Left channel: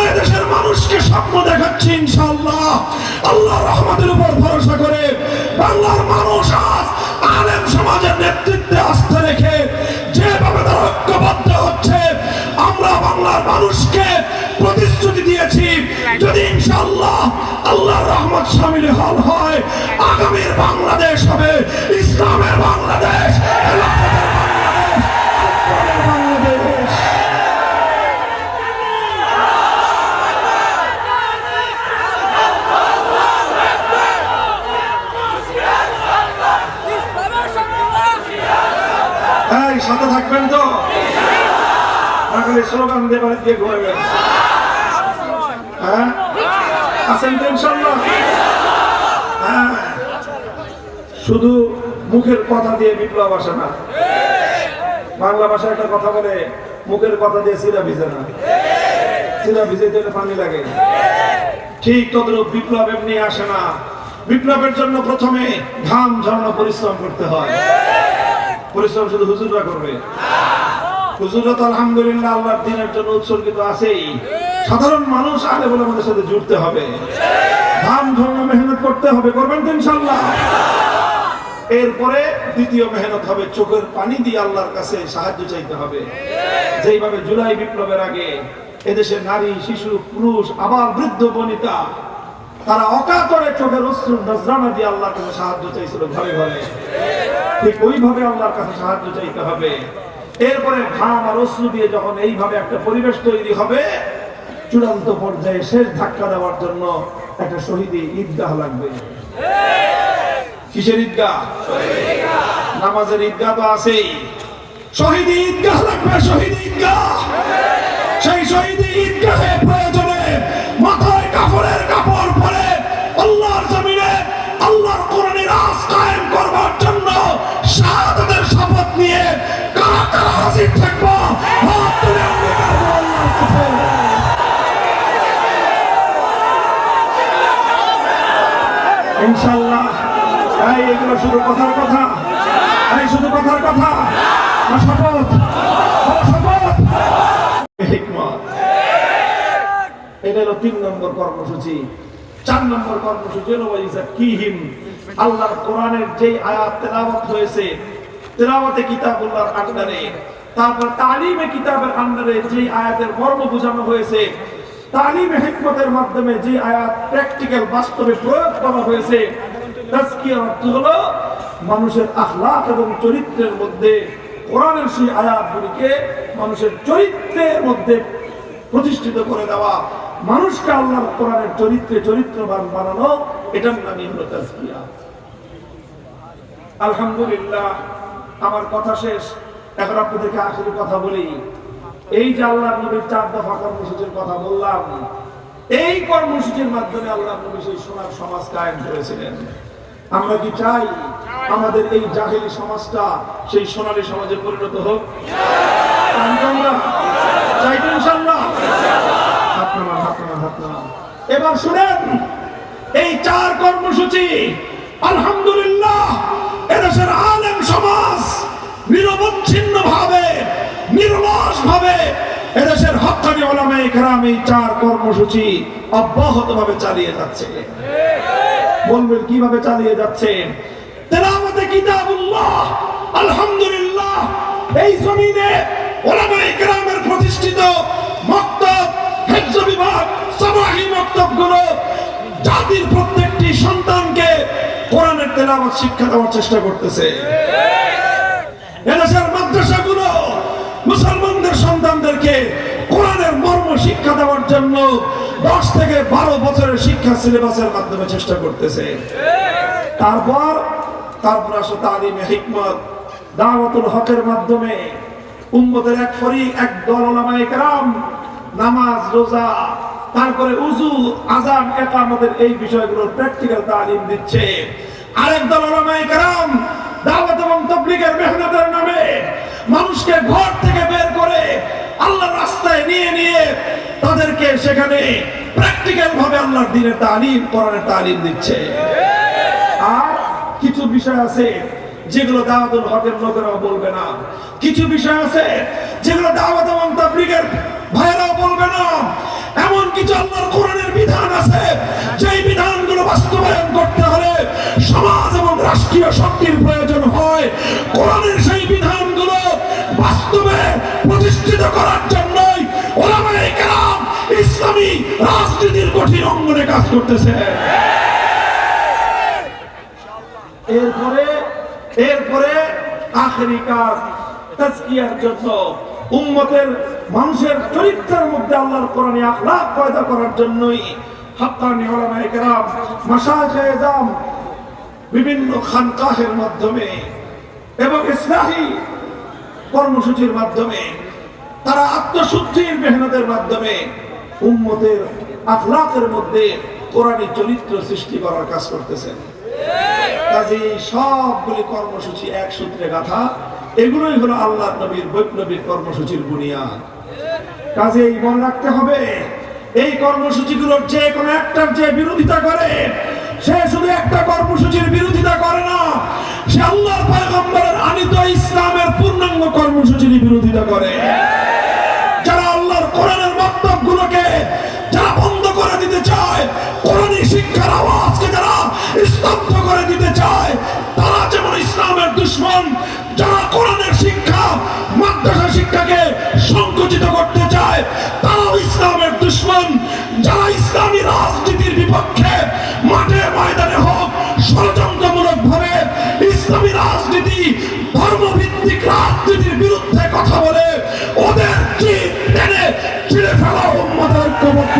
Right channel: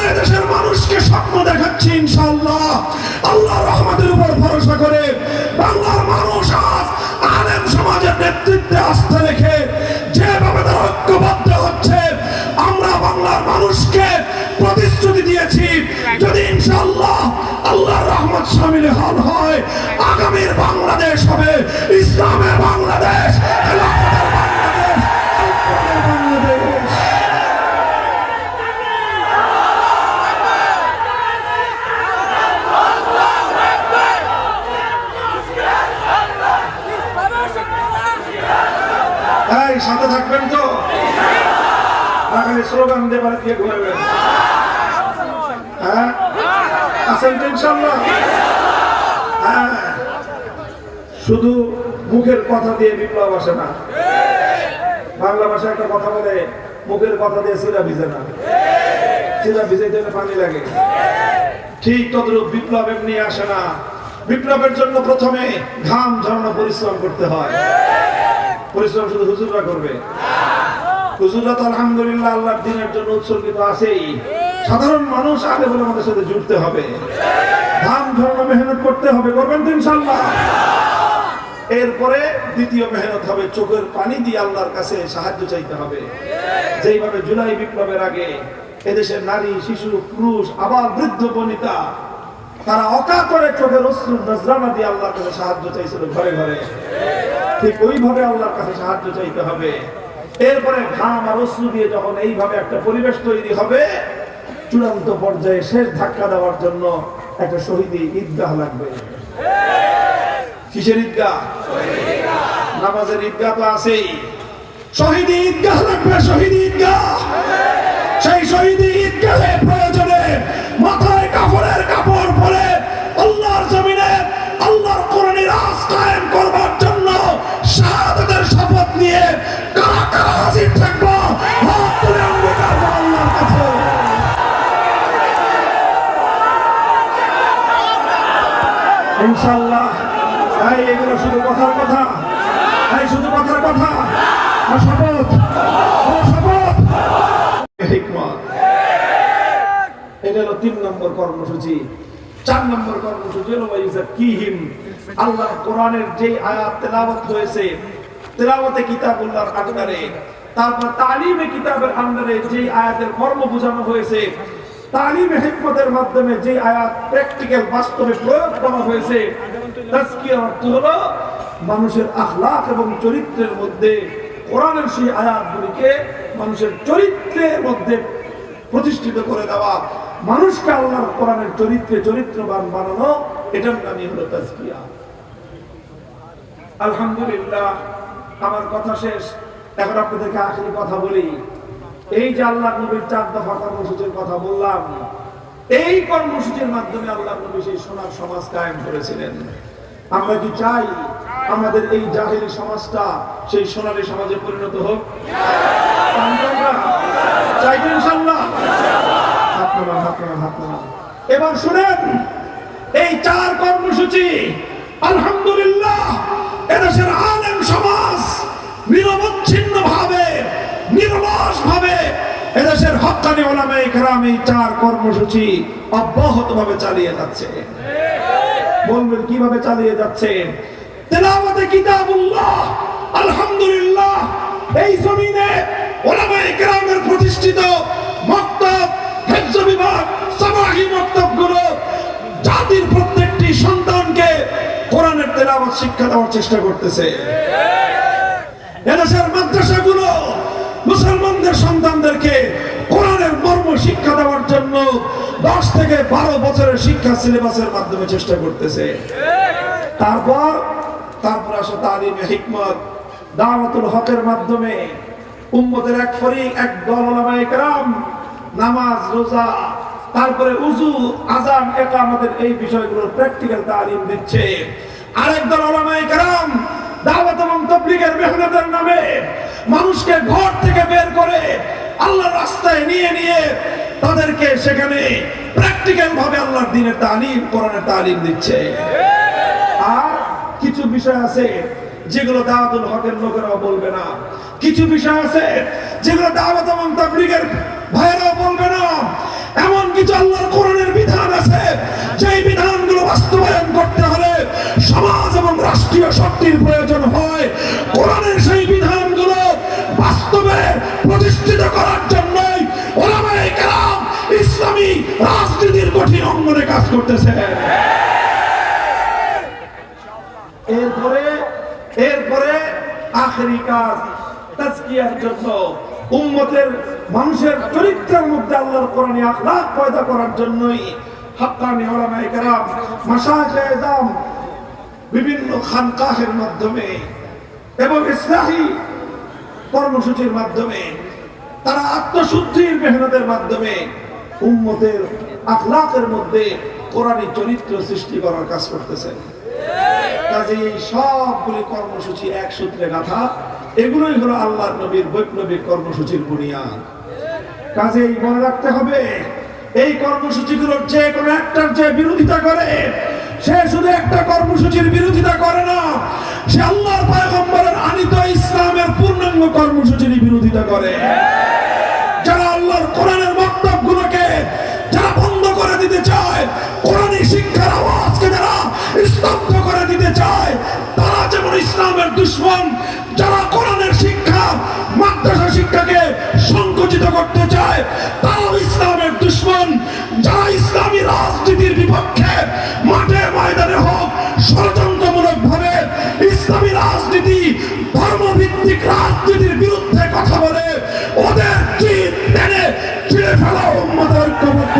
আমরা দেশের মানুষকে স্বপ্ন দেখাচ্ছি ইনশাআল্লাহ আল্লাহর রহমতের উপর ভরসা করে বাংলার মানুষ আজ আলেম সমাজের নেতৃত্বে আস্থা রেখে যেভাবে তারা ঐক্যবদ্ধ হচ্ছে আমরা বাংলার মানুষকে প্রতিশ্রুতি দিয়েছি যদি ইনশাআল্লাহ আল্লাহর রহমত শামিল হয় আগামীর বাংলাদেশ হবে ইসলামের বাংলাদেশ। সাথে থাকবেন তো না খালি স্লোগান দিয়ে বাড়ি দিয়ে ঘুরবেন? হ্যাঁ আছেন তো ইনশাআল্লাহ? হ্যাঁ শুধু মুখের কথা দিয়ে বিপ্লব আসে না। বাংলা ভাষায় একটা কথা বলে মুখের কথা দিয়ে চিরা ভিজে না, চিরা ভিজে দিলে পানি লাগে। ঠিক তদ্রূপ বিপ্লব এমনি আসে না। বিপ্লবের জন্য প্রথমে ঘাম ঝরানো পরিশ্রম করতে হয়। পরিশ্রম শুধু হুজুররা করবে? হুজুররা তো আলহামদুলিল্লাহ আল্লাহর দ্বীনের জন্য উৎসর্গিত আছেই। সাধারণ মানুষ আগে বলে আমাদের সাথে জুড়তে হবে, ঘাম ঝরানো মেহনত করতে হবে। করবেন তো ইনশাআল্লাহ? এরপরে দ্বিতীয় মেহনত হবে চোখের পানি দিয়ে আল্লাহর কাছে সাহায্য চাইতে হবে। যেইভাবে জুলাই বিপ্লবের আগে এদেশের নারী, শিশু, পুরুষ, আবার বৃদ্ধ বনিতা তারা অকাতরে চোখের অশ্রু নজরানা দিয়ে আল্লাহর কাছে সাহায্য চাইছিল ঘরে ঘরে, ঠিক ওইভাবে আল্লাহর কাছে সাহায্য চাইতে হবে। এরপরে ঘাম আর অশ্রু দিয়ে যখন এইভাবে একটা পরিবেশ তৈরি হবে, চূড়ান্ত পর্যায়ে শেষ ধাক্কা দেওয়ার জন্য একটা শহীদি ঈদগাহ লাগবে। কিসের ঈদগাহ? নামাজের ঈদগাহ তো আছেই, শহীদি ঈদগাহ লাগবে। শহীদি ঈদগাহ, সেই শহীদি ঈদগাহে প্রয়োজনে মাথায় কাফনের কাপড় পরে আল্লাহর জমিনে আল্লাহর কোরআনের রাজ কায়েম করবার জন্য শাহাদাতের শপথ নিয়ে কারা কারা হাজির থাকবো হাত তুলে অঙ্গীকার করো আল্লাহর কাছে। ইনশাআল্লাহ। তাই এগুলো শুধু কথার কথা, তাই শুধু কথার কথা না, শপথ, শপথ। এটা হলো 3 নম্বর কর্মসূচি। 4 নম্বর কর্মসূচি হলো ওয়াইযাক্কিহিম, আল্লাহর কোরআনের যে আয়াত তেলাওয়াত হয়েছে, তেলাওয়াতে কিতাবুল্লাহর আন্ডারে, তারপর তালিমে কিতাবের আন্ডারে যে আয়াতের মর্ম বোঝানো হয়েছে, তালিমে হিকমতের মাধ্যমে যে আয়াত প্র্যাকটিক্যাল বাস্তবে প্রয়োগ করা হয়েছে, তাজকিয়ার অর্থ হলো মানুষের আখলাক এবং চরিত্রের মধ্যে কোরআনের সেই আয়াতগুলিকে মানুষের চরিত্রের মধ্যে প্রতিষ্ঠিত করে দেওয়া, মানুষকে আল্লাহর কোরআনের চরিত্রে চরিত্রবান বানানো, এটার নামই হলো তাজকিয়া। আলহামদুলিল্লাহ, আমার কথা শেষ। এখন আপনাদেরকে আখেরি কথা বলি। এই যে আল্লাহর নবীর 4 দফা কর্মসূচির কথা বললাম, এই কর্মসূচির মাধ্যমে আল্লাহর নবী সেই সোনার সমাজ কায়েম করেছিলেন। আমরা কি চাই আমাদের এই জাহেলি সমাজটা সেই সোনালী সমাজে পরিণত হোক? চাই তো ইনশাআল্লাহ? হাত নামান, হাত নামান, হাত নামান। এবার শুনেন, এই 4 কর্মসূচি আলহামদুলিল্লাহ এদেশের আলেম সমাজ নিরবচ্ছিন্ন ভাবে, নিরলস ভাবে এদেশের হক্কানি উলামায়ে কেরাম এই 4 কর্মসূচি অব্যাহত ভাবে চালিয়ে যাচ্ছে। বলবেন কিভাবে চালিয়ে যাচ্ছে? তেলাওয়াতে কিতাবুল্লাহ আলহামদুলিল্লাহ এই জমিনে উলামায়ে কেরামের প্রতিষ্ঠিত মক্তব, হিফজ বিভাগ, সামাহি মক্তবগুলো জাতির প্রত্যেকটি সন্তানকে কোরআনের তেলাওয়াত শিক্ষা দেওয়ার চেষ্টা করতেছে। এদেশের মাদ্রাসাগুলো মুসলমানদের সন্তানদেরকে কোরআনের মর্ম শিক্ষা দেওয়ার জন্য 10 থেকে 12 বছরের শিক্ষা সিলেবাসের মাধ্যমে চেষ্টা করতেছে। তারপর আসে তালিমে হিকমত, দাওয়াতুল হকের মাধ্যমে উম্মতের এক ফরিক, এক দল উলামায়ে কেরাম নামাজ, রোজা, তারপরে উযু, আযান, ইকামতের এই বিষয়গুলোর প্র্যাকটিক্যাল তালিম দিচ্ছে। আরেক দল উলামায়ে কেরাম দাওয়াত এবং তাবলীগের মেহনতের নামে মানুষকে ঘর থেকে বের করে আল্লাহর রাস্তায় নিয়ে তাদেরকে সেখানে প্র্যাকটিক্যাল ভাবে আল্লাহর দ্বীনের তালিম, কোরআনের তালিম দিচ্ছে। আর কিছু বিষয় আছে যেগুলো দাওয়াতুল হকের লোকেরাও বলবে না, কিছু বিষয় আছে যেগুলো দাওয়াত এবং তাবলীগের ভাইরাও বলবে না, এমনকি কিছু আল্লাহর কোরআনের বিধান আছে, যেই বিধানগুলো বাস্তবায়ন করতে হলে সমাজ এবং রাষ্ট্রীয় শক্তির প্রয়োজন হয়। কোরআনের সেই বিধানগুলো বাস্তবে প্রতিষ্ঠিত করার জন্যই উলামায়ে কেরাম ইসলামী রাজনীতির কঠিন অঙ্গনে কাজ করতেছে। এরপরে আখেরি কাজ তাজকিয়ার জন্য, উম্মতের মানুষের চরিত্রের মধ্যে আল্লাহর কোরআনী আখলাক পয়দা করার জন্যই হাক্কানি উলামায়ে কেরাম, মাশায়েখে আযম বিভিন্ন খানকাহের মাধ্যমে এবং ইসলাহি কর্মসূচির মাধ্যমে, তারা আত্মশুদ্ধির মেহনতের মাধ্যমে উম্মতের আখলাকের মধ্যে কোরআনী চরিত্র সৃষ্টি করার কাজ করতেছেন। কাজে এই সবগুলি কর্মসূচি এক সূত্রে গাঁথা, এগুলোই হলো আল্লাহর নবীর বৈপ্লবিক কর্মসূচির বুনিয়াদ। কাজে মনে রাখতে হবে, এই কর্মসূচিগুলোর যে কোনো একটার যে বিরোধিতা করে, সে শুধু একটা কর্মসূচির বিরোধিতা করে না, সে আল্লাহর পয়গম্বরের আনিত ইসলামের পূর্ণাঙ্গ কর্মসূচির বিরোধিতা করে। যারা আল্লাহর কোরআনের বক্তব্যগুলোকে যারা বন্ধ করে দিতে চায়, কোরআনী শিক্ষার আওয়াজকে যারা স্তব্ধ করে দিতে চায়, তারা যেমন ইসলামের দুশমন। যারা কোরআনের শিক্ষা, মাদ্রাসা শিক্ষাকে সংকুচিত করতে চায়, তারাও ইসলামের দুশমন। যারা ইসলামী রাজনীতির বিপক্ষে মাঠে ময়দানে হোক ষড়যন্ত্রমূলক ভাবে ইসলামী রাজনীতি, ধর্মভিত্তিক রাজনীতির বিরুদ্ধে কথা বলে, ওদের চিৎ টেনে ছিঁড়ে ফেলা উম্মতের ঐক্যবদ্ধ